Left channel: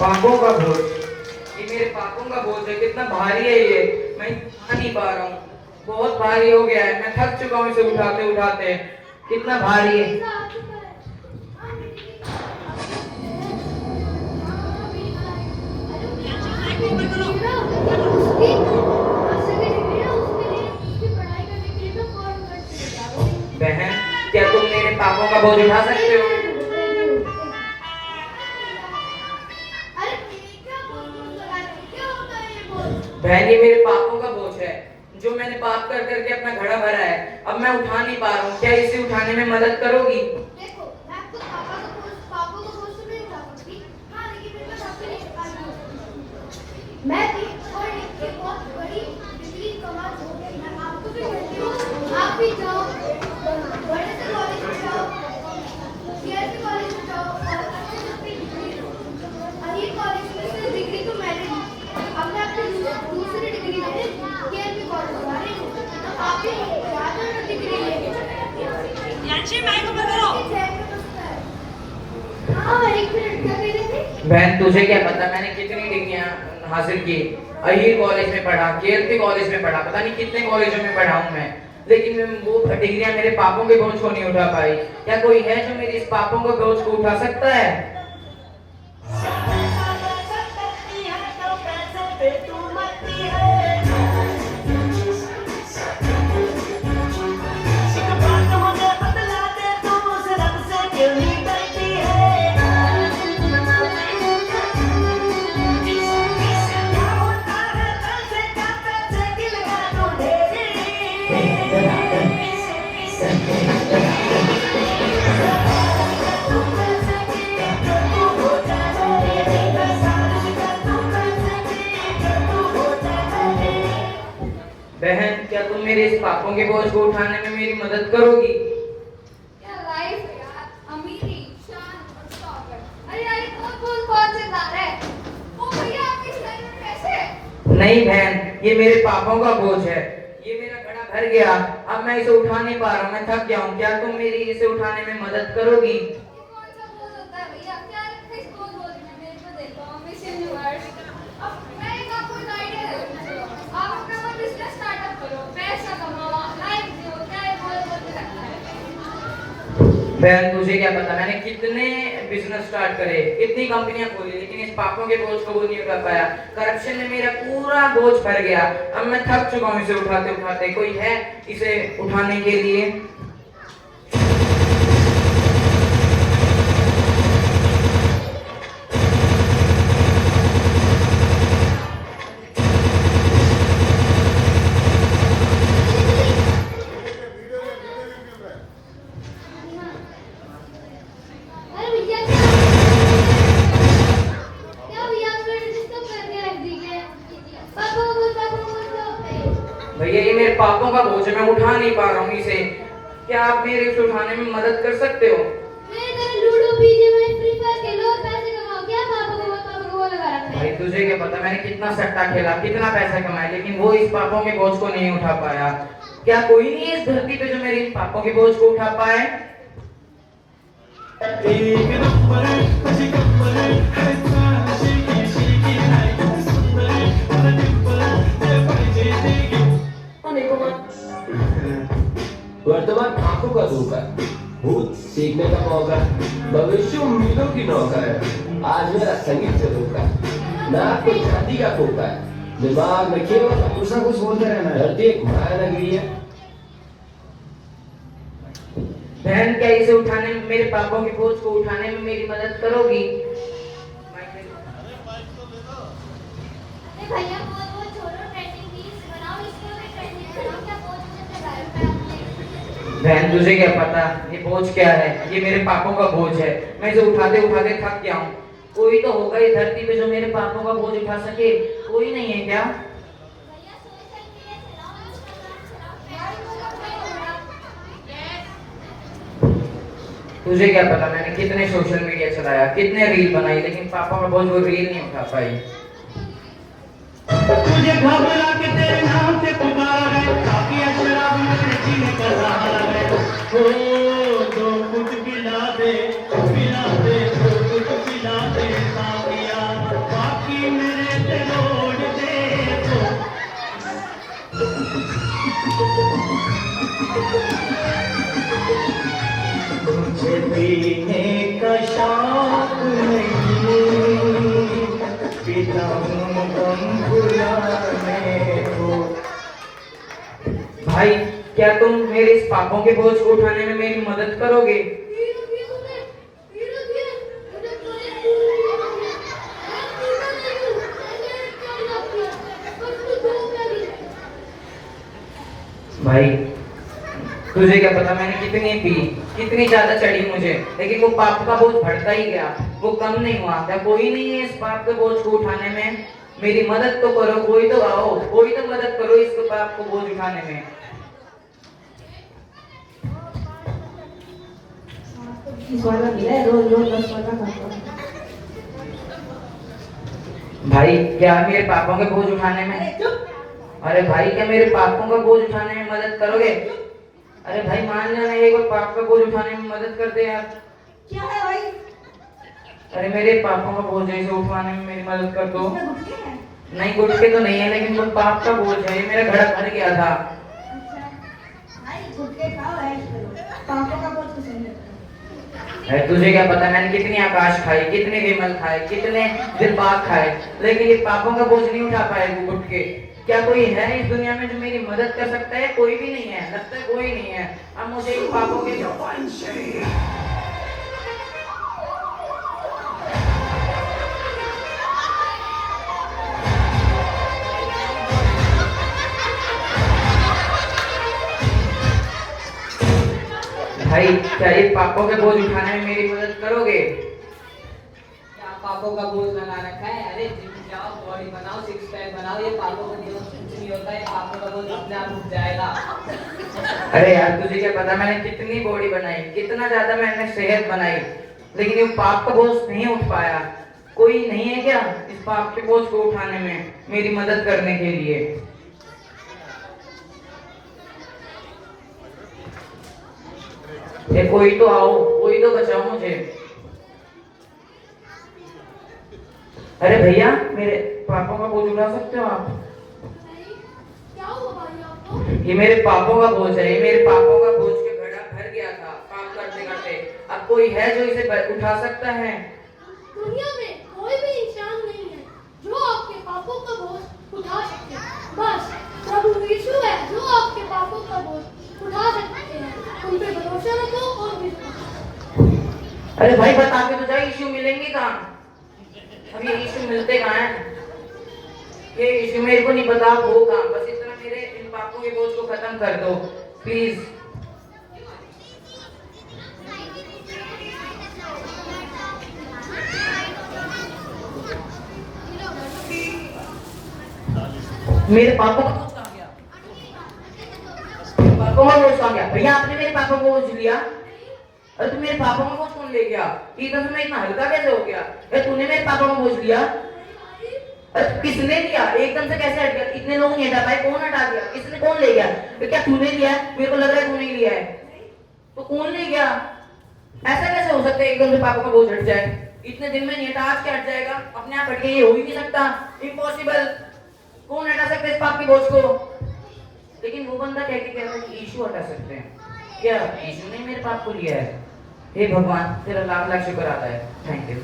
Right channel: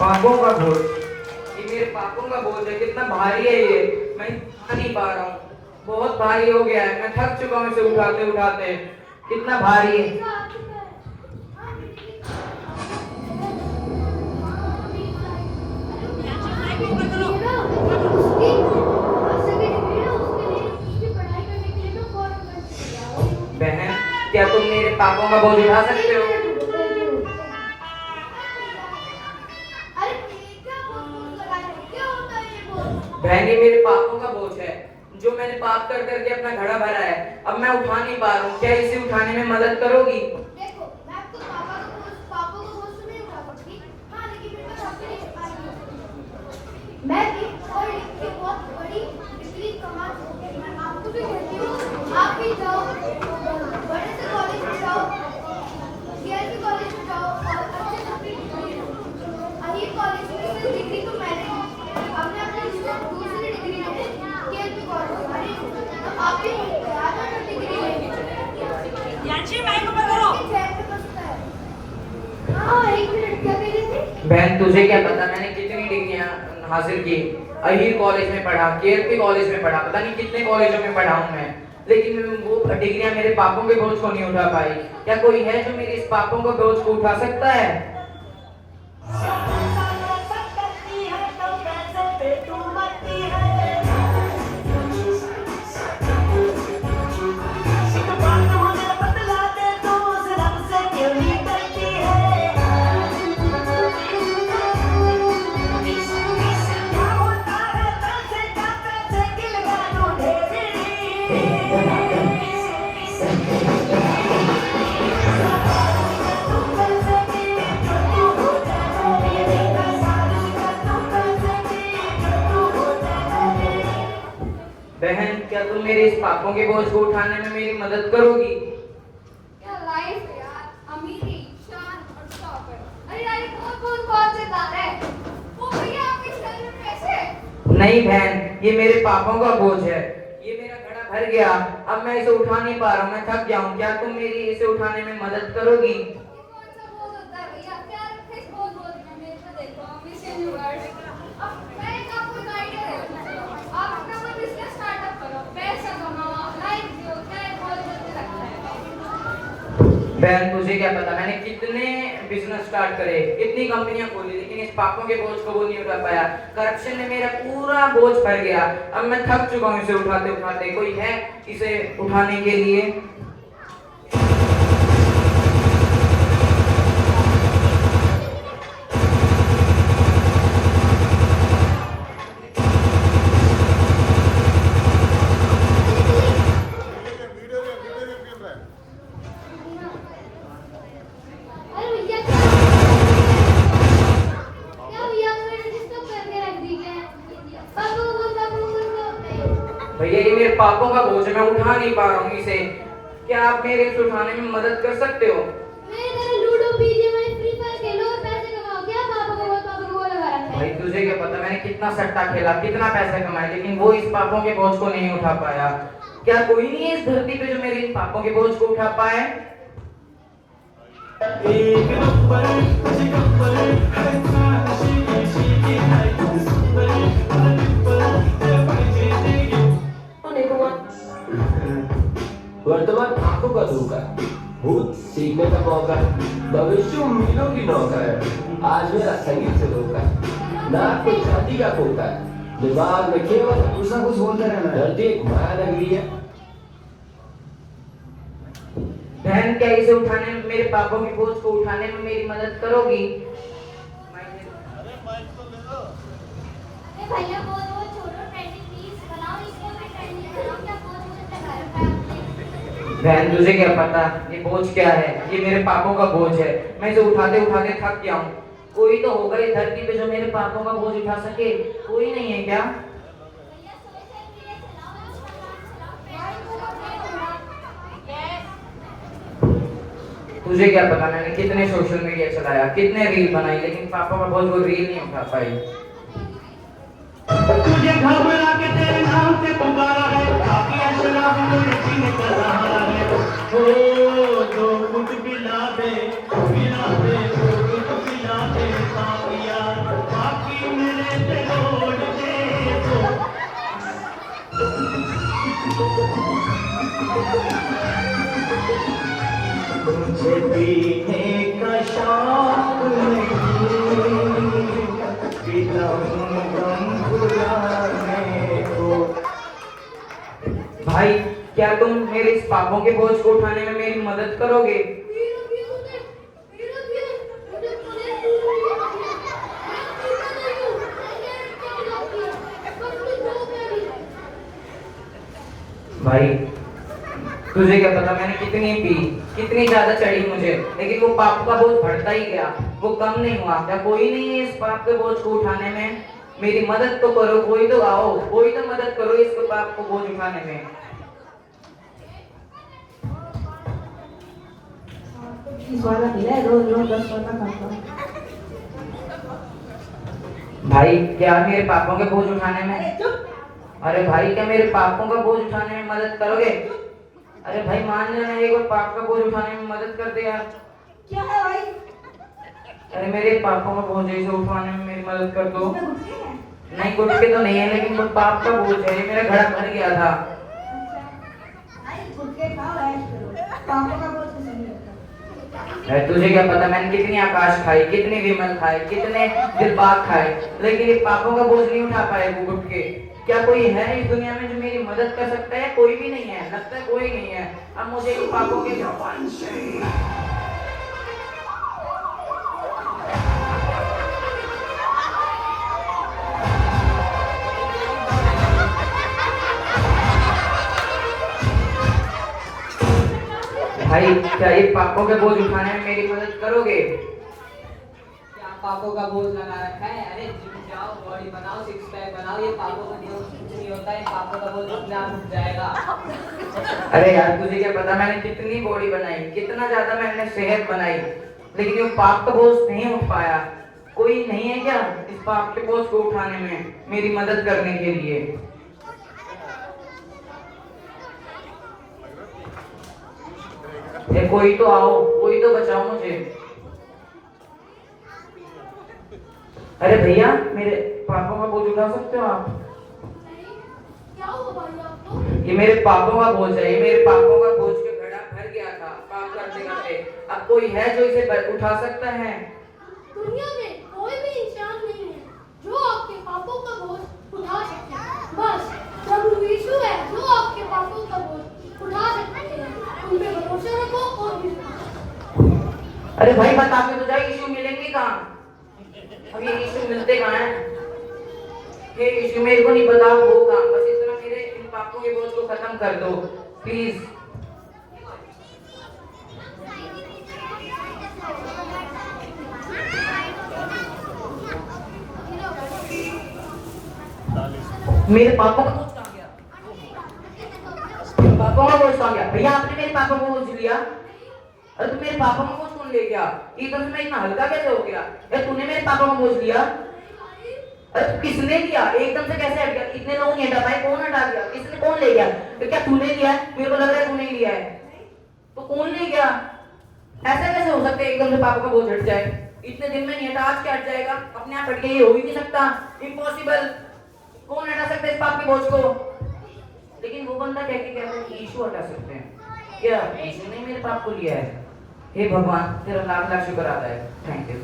पापों का बोझ, ये मेरे पापों का बोझ है। कितना भारी है ये, मैं उठा नहीं पा रहा हूँ। बहुत भारी हो गया है, मैं थक चुका हूँ इसे उठाते उठाते। कितना भारी है। बहन, क्या तुम मेरे पापों का बोझ उठा सकते हो? बहन, ये मेरे पापों का बोझ है, जो मैंने पाप कर करके अपना घड़ा भरा है। अब मैं उठा नहीं पा रहा हूँ, क्या इसे उठाने में मदद करोगी? देखो, मैं आपको पापों को बोझ तो नहीं उठा सकती। हाँ, लेकिन मेरे पास आपके लिए शिकायत है। मैं भी और एक बहुत बड़ी डिग्री कमा चुकी हूँ। मैं आपको भी कहती हूँ, आप भी जाओ, बड़े से कॉलेज में जाओ, सीआरपी कॉलेज में जाओ और अच्छे से अपनी डिग्री लो। ये कॉलेज में से डिग्री तो मैंने ली। अब मैं आपकी दूसरी डिग्री लेने केएलपी कॉलेज जा रही हूँ। अब आप भी ग्रेजुएट डिग्री लेंगे। यांची माइक ऊपर करो। हाँ, एक मिनट, क्या कह रही थी? बहन, तुझे क्या पता मैंने कितनी डिग्रियां हासिल की। अहीर कॉलेज में पढ़ा, केएलपी कॉलेज में पढ़ा, पता नहीं कितने कॉलेजों में पढ़ा हूँ मैं, लेकिन मैं वो डिग्रियां मेरे पापों के बोझ को नहीं उठा पाई। क्या कोई है जो मेरे इस पापों के बोझ को उठा सकता है? बहन, क्या तुम मेरे इस पापों के बोझ को उठाने में मेरी मदद करोगी? क्या लाइफ है यार, अमीरी, शान और शौहरत। अरे यार, ये बहुत कौन से दार है? वो भैया, आपके शरीर में पैसे? नहीं बहन, ये मेरे पापों का बोझ है। ये मेरा घड़ा भर गया, अब मैं इसे उठा नहीं पा रहा हूँ, मैं थक गया हूँ। क्या तुम मेरी इसे उठाने में मदद करोगी? ये कौन सा बोझ होता है भैया? क्या रखा है इस बोझ में? मेरे को देखो, मिस यूनिवर्स। अब मैं आपको एक आइडिया देती हूँ। आप अपना बिजनेस स्टार्टअप करो, पैसा कमाओ, लाइफ जियो। क्या ये बोझ करके रखा है? बहन, तुझे क्या पता मैंने कितने बिजनेस स्टार्ट करे, कितनी कंपनियां खोली, लेकिन इस पापों के बोझ को वो नहीं उठा पाया। करप्शन ने मेरा पूरा बोझ भर गया। अब मैं थक चुका हूँ इसे उठाते उठाते। कोई है इसे उठाने के लिए? अरे भैया, क्या भैया को मैंने डिस्टर्ब कर दिया एमडी के? पापा को बोल, पापा को बोल। भैया, ये मेरे पापों का बोझ है, मैं उठा नहीं पा रहा हूँ इसे। क्या आप मेरे इसे उठाने में मदद कर सकते हो? मैं तरह लूडो, बीजीएमआई, फ्री फायर खेलो और पैसे कमाओ। क्या पापा को लगा रखा है? भाई, तुझे क्या पता मैंने कितना सट्टा खेला, कितना पैसा कमाया, लेकिन वो इस पापों के बोझ को नहीं उठा पाया। क्या कोई नहीं है इस धरती पे जो मेरे इन पापों के बोझ को उठा पाए? वर्तमान आंखों का धोखा है, भूत सीखने का मौका है, भविष्य उम्मीदों की नौका है। आज मेरा संगीत से धोखा है, नाक को छाती का खोखा है, दिमाग में केवल कुछ ना कुछ बोलते रहना है। धरती एक माया नगरी है। बहन, क्या इसे उठाने में, मेरे पापों के बोझ को उठाने में मेरी मदद करोगी? अरे भैया, वो छोड़ो, ट्रेंडिंग रील्स बनाओ, इसमें मैं ट्रेंडिंग बनाऊं। क्या बोझ मुझे अपने घर पे आपने? बहन, तुझे क्या पता ये बोझ क्या है? ये मेरे पापों का बोझ है, मैं इसे उठाते उठाते थक गया हूँ। कोई तो होगा इस धरती पे जो मेरे पापों का बोझ उठा सके। कोई नहीं है क्या? भैया, सोशल मीडिया चलाओ, इंस्टाग्राम चलाओ। तुझे क्या पता मैंने कितने सोशल मीडिया चलाया, कितने रील बनाई, लेकिन पापा का बोझ वो रील नहीं उठा पाई। तुझे घबरा के तेरे नाम से पुकारा है, ताकि अपना भी जीने का सहारा है। हो जो कुछ गिला दे, जो कुछ गिला दे, ताकिया पापों के बोझ को उठाने में मेरी मदद करोगे? भाई तुझे क्या पता मैंने कितनी पी, कितनी ज्यादा चढ़ी मुझे, लेकिन वो पाप का बोझ बढ़ता ही गया, वो कम नहीं हुआ। क्या कोई नहीं है इस पाप के बोझ को उठाने में? मेरी मदद तो करो, कोई तो आओ, कोई तो मदद करो इस पाप को बोझ उठाने में। भाई क्या मेरे पापों के बोझ उठाने में, अरे भाई क्या मेरे पापों का बोझ उठाने में मदद करोगे? अरे भाई मान जाना, एक बार पाप का बोझ उठाने में मदद कर दे यार। क्या है भाई? अरे मेरे पापों का बोझ ऐसे उठाने में मेरी मदद कर दो। नहीं गुटके तो नहीं है, लेकिन वो पाप का बोझ है, मेरा घर भर गया था। भाई गुटके खाओ, ऐश करो, पापों का बोझ तो सही लगता है। तुझे क्या पता मैंने कितनी आकाश खाई, कितने विमल खाए, कितने दिलबाग खाए, लेकिन इस पापों का बोझ नहीं उठा पाए वो गुटके। क्या कोई है इस दुनिया में जो मेरी मदद कर सकता है? कोई भी नहीं है, लगता है कोई नहीं है। अब मुझे इन पापों के भाई क्या इस पापों के बोझ उठाने में मेरी मदद करोगे? क्या पापों का बोझ लगा रखा है? अरे जिम जाओ, बॉडी बनाओ, सिक्स पैक बनाओ, ये पापों का बोझ कुछ नहीं होता, ये पापों का बोझ अपने आप उठ जाएगा। अरे यार तुझे क्या पता मैंने कितनी बॉडी बनाई, कितना ज्यादा मैंने सेहत बनाई, लेकिन ये पाप का बोझ नहीं उठ पाया। कोई नहीं है क्या इस पाप के बोझ को उठाने में मेरी मदद करने के लिए? कोई तो आओ, कोई तो बचाओ मुझे। अरे भैया मेरे पापों का बोझ उठा सकते हो आप? क्या हुआ भाई आपको? ये मेरे पापों का बोझ है, ये मेरे पापों का बोझ के घड़ा भर गया था काम करते करते। अब कोई है जो इसे उठा सकता है? दुनिया में कोई भी इंसान नहीं है जो आपके पापों का बोझ उठा सके। बस प्रभु यीशु है जो आपके पापों का बोझ उठा सकते हैं। उन पे भरोसा रखो और विश्वास। अरे भाई बता के तो जाए, यीशु मिलेंगे कहाँ? अभी यीशु मिलते कहाँ हैं? हे यीशु मेरे को नहीं पता वो काम, बस इतना मेरे इन पापों के बोझ को खत्म कर दो प्लीज। मेरे पापों का बोझ कहाँ गया? पापों का बोझ कहाँ गया? भैया आपने मेरे पापों को बोझ लिया? अरे तुम मेरे पापों का बोझ कौन ले गया? एकदम से मैं इतना हल्का कैसे हो गया? यार तूने मेरे पापों का बोझ लिया? अरे किसने लिया? एकदम से कैसे हट गया? इतने लोग नहीं हटा पाए, कौन हटा गया? किसने, कौन ले गया? क्या तूने लिया? मेरे को लग रहा है तूने लिया है। तो कौन ले गया? ऐसा कैसे हो सकता है एकदम से पापों का बोझ हट जाए? इतने दिन में नहीं हटा, आज क्या हट जाएगा? अपने आप हट गया, ये हो भी नहीं सकता, इम्पॉसिबल। कौन हटा सकता है इस पाप के बोझ को? लेकिन वो बंदा कह के कहता है यीशु हटा सकते हैं। क्या यीशु ने मेरे पाप को लिया है? हे भगवान तेरा लाख लाख शुक्र आता है, थैंक यू।